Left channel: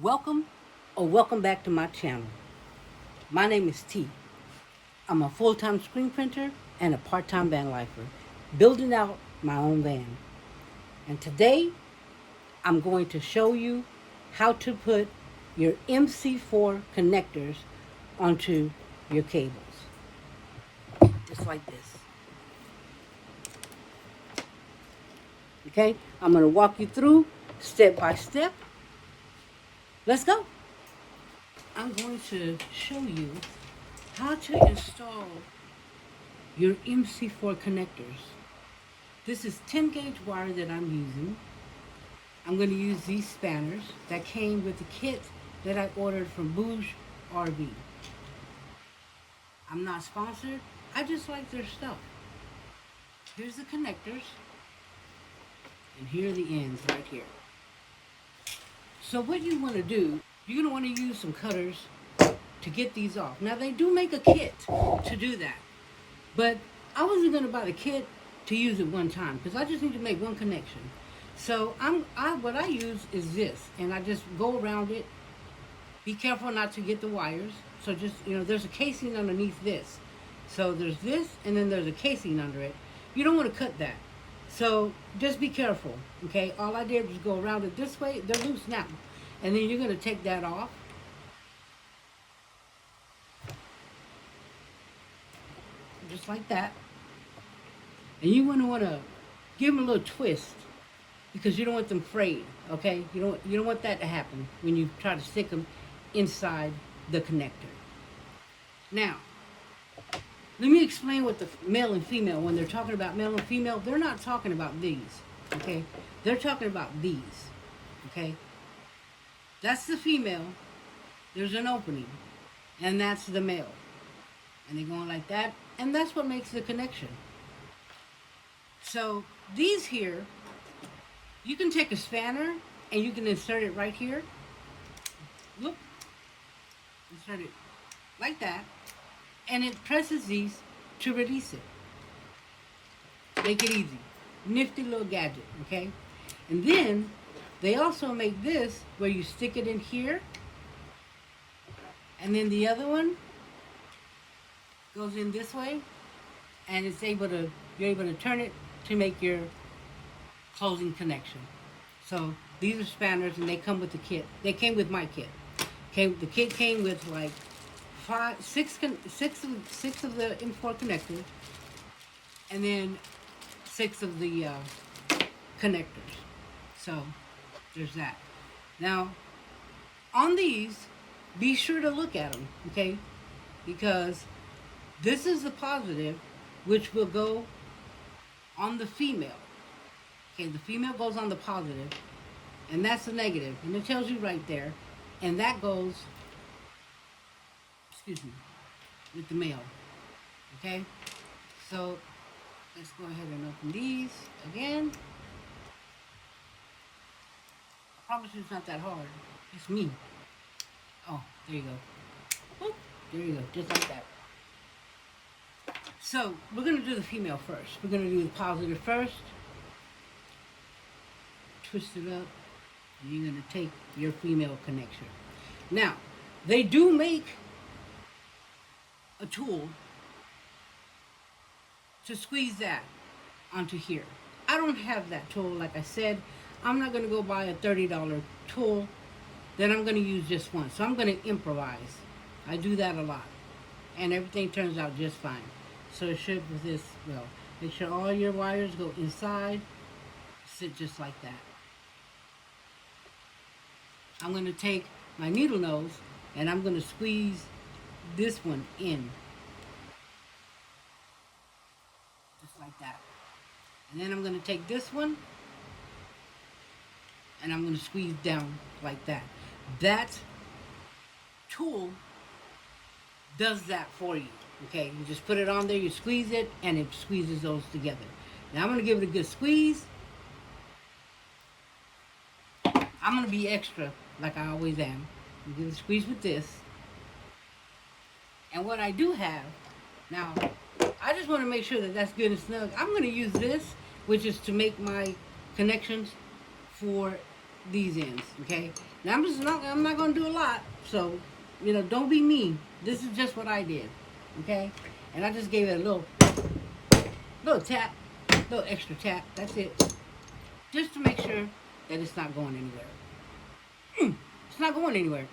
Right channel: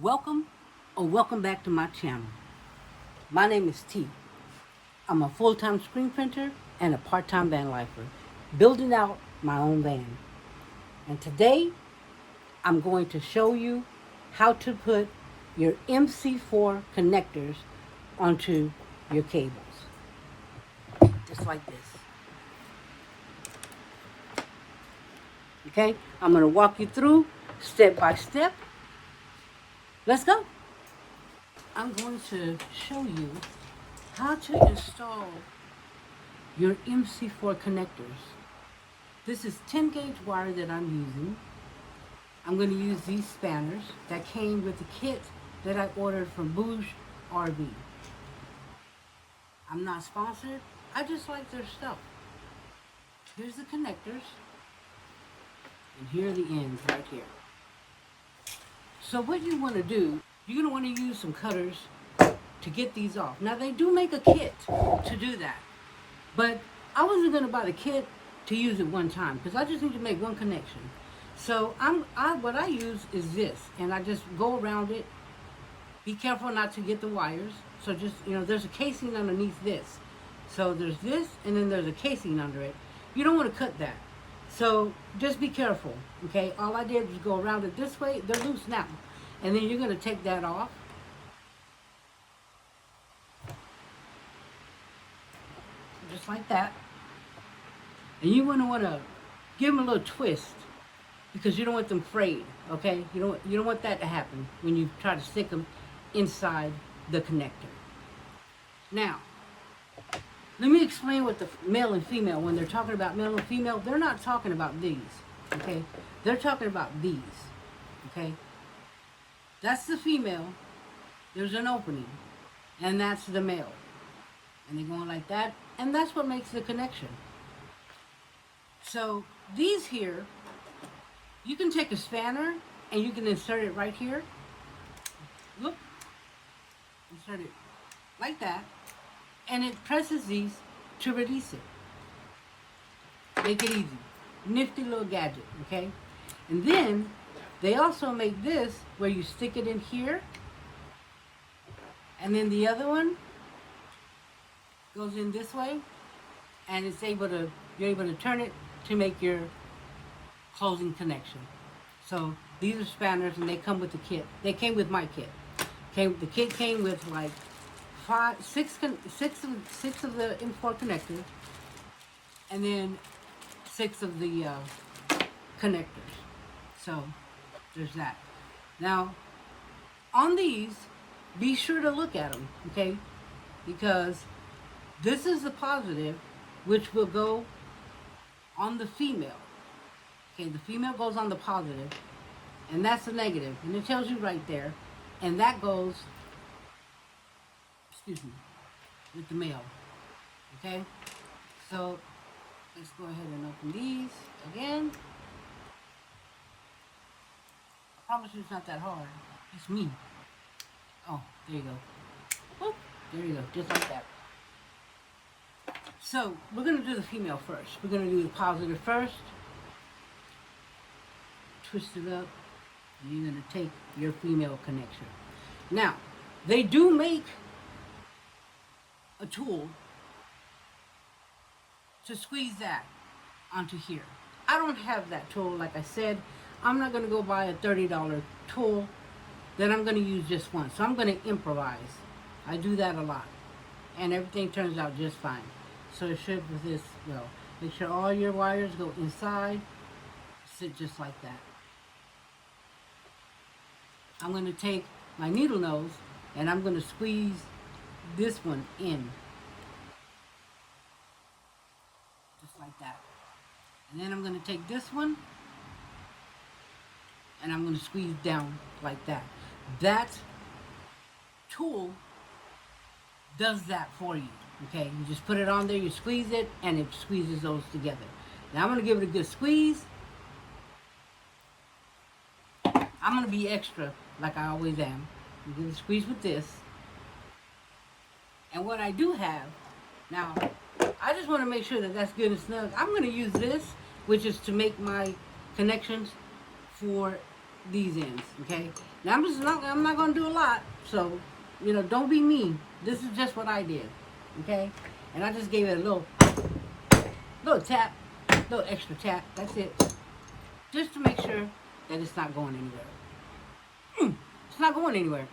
Welcome or welcome back to my channel. My name is T. I'm a full-time screen printer and a part-time van lifer, building out my own van. And today I'm going to show you how to put your MC4 connectors onto your cables. Just like this. Okay, I'm going to walk you through step by step. Let's go. I'm going to show you how to install your MC4 connectors. This is 10 gauge wire that I'm using. I'm going to use these spanners that came with the kit that I ordered from Bouge RV. I'm not sponsored. I just like their stuff. Here's the connectors. And here are the ends right here. So what you want to do, you're going to want to use some cutters to get these off. Now they do make a kit to do that. But I wasn't going to buy the kit to use it one time because I just need to make one connection. So what I use is this, and I just go around it. Be careful not to get the wires. So just, there's a casing underneath this. So there's this, and then there's a casing under it. You don't want to cut that. So just be careful, okay? All I did was go around it this way. They're loose now. And then you're going to take that off. Just like that. And you want to give them a little twist because you don't want them frayed, okay? You don't want that to happen when you try to stick them inside the connector. Now, let me explain what the male and female, when they're talking about male and female, they're not talking about these, okay? They're talking about these, okay? That's the female. There's an opening, and that's the male. And they're going like that, and that's what makes the connection. So these here, you can take a spanner and you can insert it right here. Look, insert it like that, and it presses these to release it. Make it easy. Nifty little gadget, okay? And then they also make this where you stick it in here, and then the other one goes in this way, and you're able to turn it to make your closing connection. So these are spanners, and they come with the kit. They came with my kit. The kit came with like six of the M4 connectors, and then 6 of the connectors. So there's that. Now on these, be sure to look at them, okay? Because this is the positive, which will go on the female. Okay, the female goes on the positive, and that's the negative. And it tells you right there. And that goes, with the male. Okay? So, let's go ahead and open these again. I promise you it's not that hard. It's me. Oh, there you go. Whoop, there you go, just like that. So, we're going to do the female first. We're going to do the positive first. Twist it up, and you're going to take your female connection. Now, they do make a tool to squeeze that onto here. I don't have that tool, like I said. I'm not going to go buy a $30 tool. Then I'm going to use just one. So I'm going to improvise. I do that a lot. And everything turns out just fine. So it should with this go. Make sure all your wires go inside. Sit just like that. I'm going to take my needle nose and I'm going to squeeze this one in. Just like that. And then I'm going to take this one and I'm going to squeeze down like that. That tool does that for you. Okay, you just put it on there, you squeeze it, and it squeezes those together. Now I'm going to give it a good squeeze. I'm going to be extra, like I always am. I'm going to squeeze with this. And what I do have, now, I just want to make sure that that's good and snug. I'm going to use this, which is to make my connections for these ends, okay? Now I'm not gonna do a lot, so don't be mean. This is just what I did, okay? And I just gave it a little tap, little extra tap. That's it, just to make sure that it's not going anywhere. It's not going anywhere.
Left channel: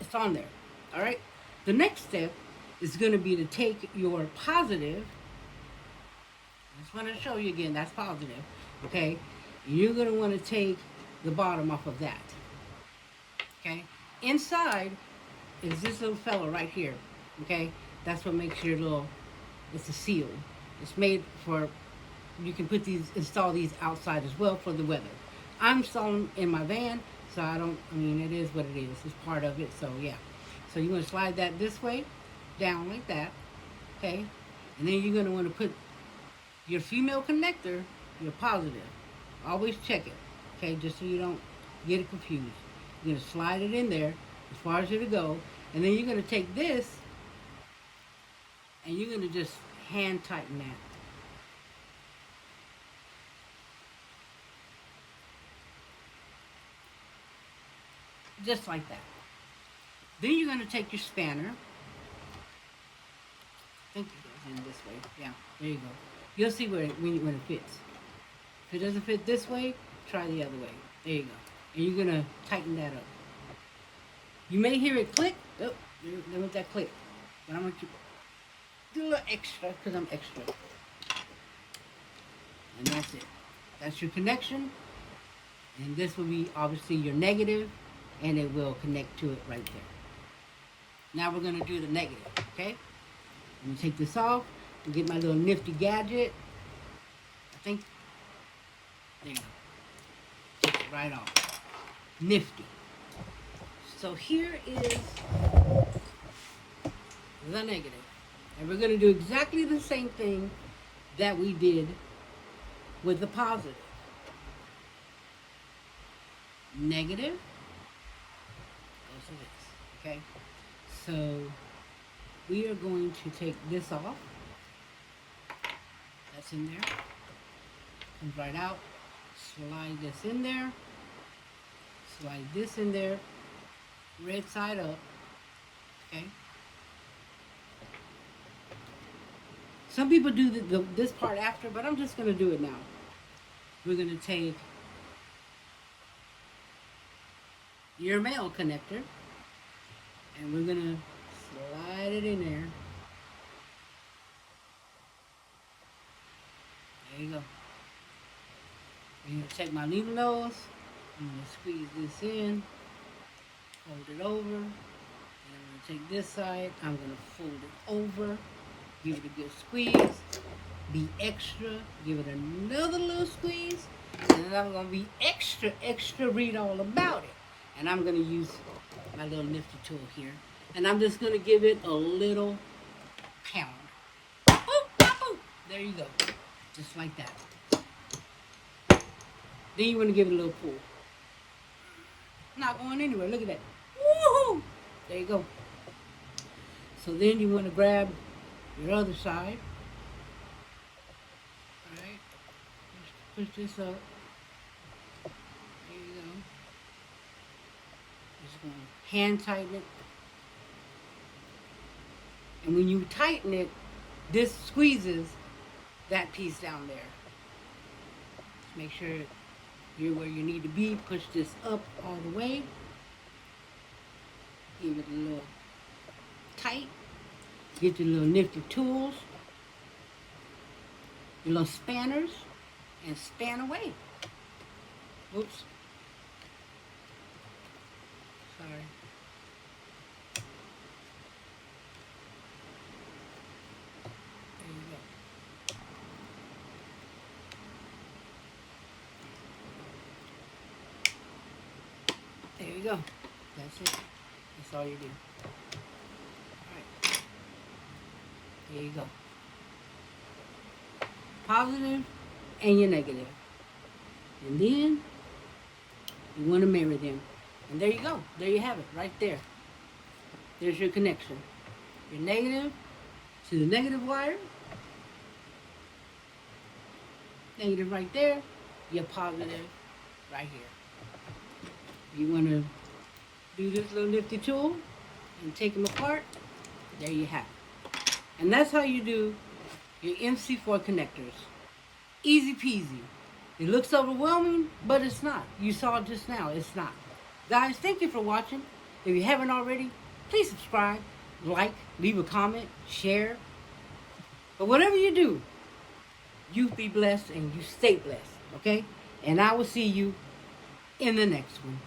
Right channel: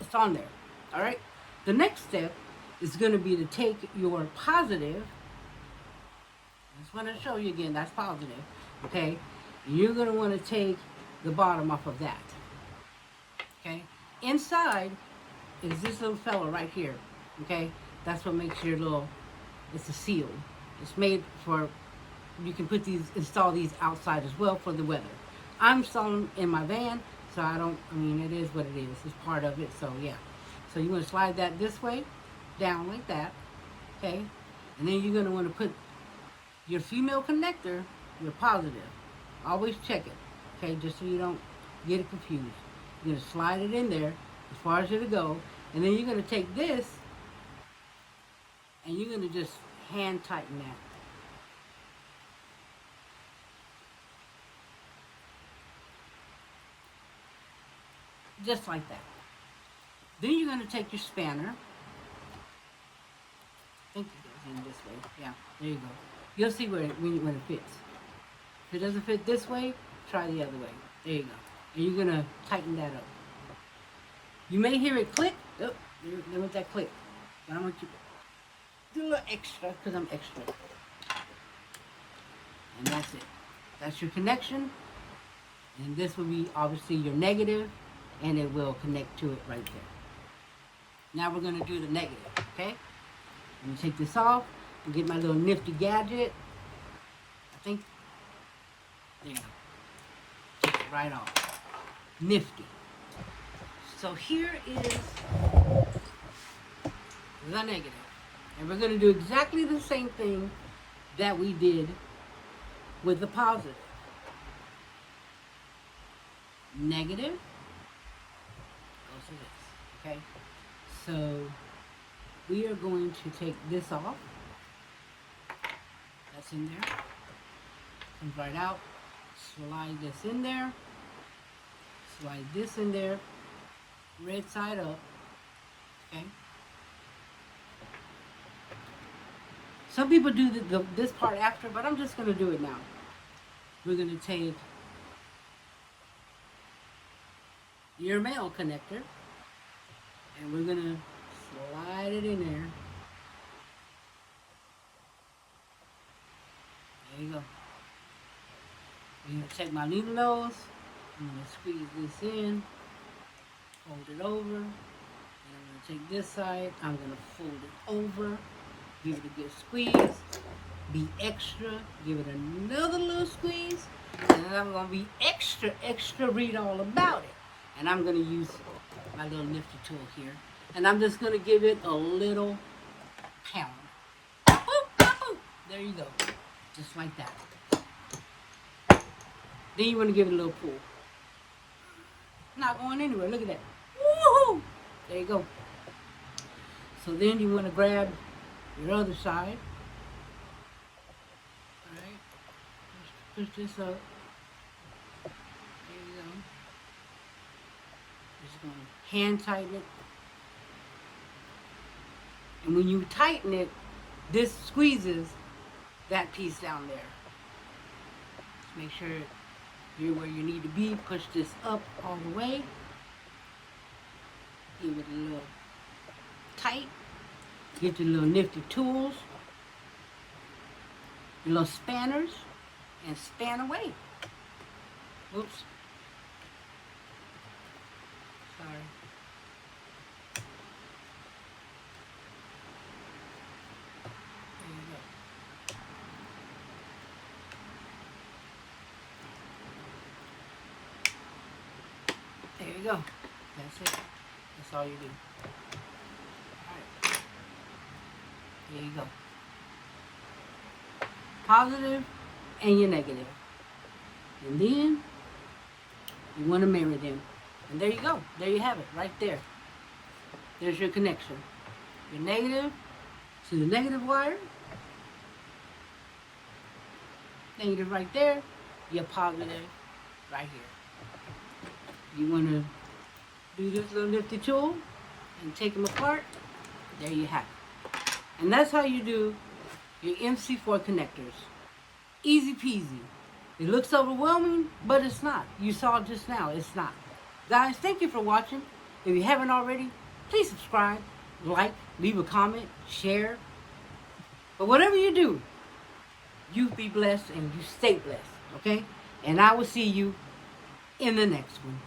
It's on there. All right. The next step is going to be to take your positive. I just want to show you again. That's positive. Okay. And you're going to want to take the bottom off of that. Okay. Inside is this little fella right here. Okay. That's what makes your little. It's a seal. It's made for. You can install these outside as well for the weather. I'm installing in my van. So it is what it is. It's part of it, so yeah. So you're going to slide that this way, down like that, okay? And then you're going to want to put your female connector, your positive. Always check it, okay, just so you don't get it confused. You're going to slide it in there as far as it'll go. And then you're going to take this, and you're going to just hand tighten that. Just like that. Then you're going to take your spanner. I think it goes in this way. Yeah, there you go. You'll see when it fits. If it doesn't fit this way, try the other way. There you go. And you're going to tighten that up. You may hear it click. Oh, there went that click. But I'm going to do a little extra because I'm extra. And that's it. That's your connection. And this will be obviously your negative. And it will connect to it right there. Now we're going to do the negative, okay? Let me take this off and get my little nifty gadget. I think, there you go. Take it right off. Nifty. So here is the negative. And we're going to do exactly the same thing that we did with the positive. Negative. To this, okay? So we are going to take this off. That's in there. Comes right out. Slide this in there. Slide this in there. Red side up. Okay? Some people do this part after, but I'm just going to do it now. We're going to take your male connector, and we're going to slide it in there. There you go. I'm going to take my needle nose, I'm going to squeeze this in, fold it over, and I'm going to take this side, I'm going to fold it over, give it a good squeeze, be extra, give it another little squeeze, and then I'm going to be extra, read all about it. And I'm going to use my little nifty tool here. And I'm just going to give it a little pound. Boop, boop. There you go. Just like that. Then you want to give it a little pull. Not going anywhere. Look at that. Woohoo! There you go. So then you want to grab your other side. Alright. Push this up. Hand tighten it, and when you tighten it, this squeezes that piece down there. Just make sure you're where you need to be. Push this up all the way. Give it a little tight. Get your little nifty tools, your little spanners, and span away. Oops. Sorry. There you go. That's it. That's all you do. Alright. There you go. Positive and your negative. And then you want to marry them. And there you go. There you have it. Right there. There's your connection. Your negative to the negative wire. Negative right there. Your positive right here. You want to do this little nifty tool and take them apart. There you have it. And that's how you do your MC4 connectors. Easy peasy. It looks overwhelming, but it's not. You saw it just now. It's not. Guys, thank you for watching. If you haven't already, please subscribe, like, leave a comment, share. But whatever you do, you be blessed and you stay blessed, okay? And I will see you in the next one.